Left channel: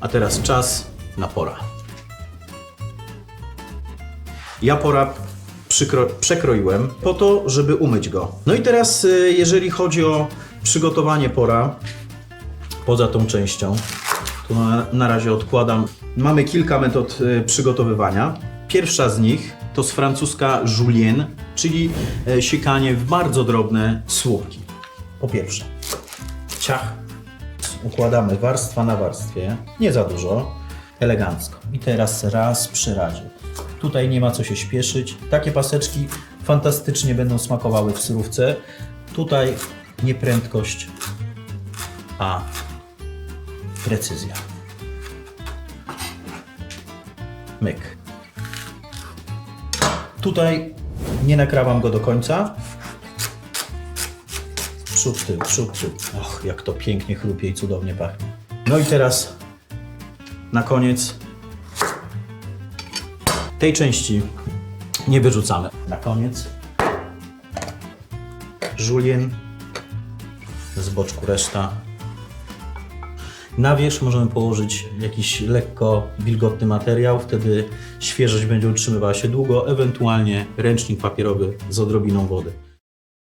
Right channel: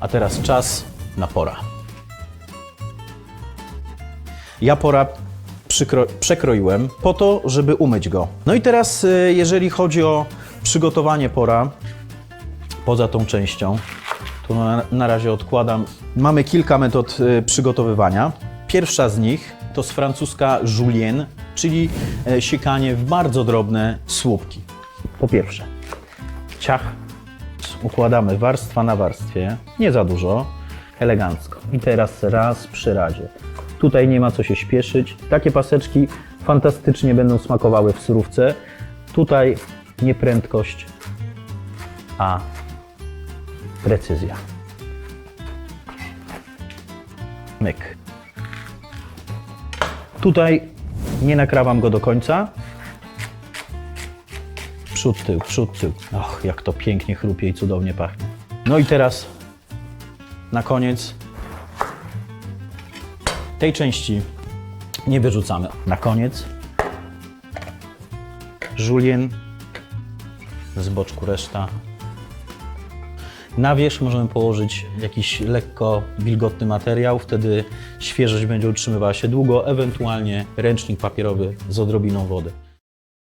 A teraz czas na pora. Ja pora przykro, przekroiłem po to, żeby umyć go. No i teraz, y, jeżeli chodzi o przygotowanie pora, poza tą częścią, to na, na razie odkładam. Mamy kilka metod y, przygotowywania. Pierwsza z nich to z francuska julienne, czyli e, siekanie w bardzo drobne słupki. Po pierwsze, ciach układamy warstwa na warstwie, nie za dużo, elegancko. I teraz raz przy razie. Tutaj nie ma co się śpieszyć. Takie paseczki fantastycznie będą smakowały w surówce. Tutaj nie prędkość, a precyzja. Myk. Tutaj nie nakrawam go do końca. Przód, tył, przód, tył. Och, jak to pięknie chrupie i cudownie pachnie. No i teraz na koniec tej części nie wyrzucamy. Na koniec żulien, z boczku reszta. Na wierzch możemy położyć jakiś lekko wilgotny materiał, wtedy świeżość będzie utrzymywała się długo, ewentualnie ręcznik papierowy z odrobiną wody.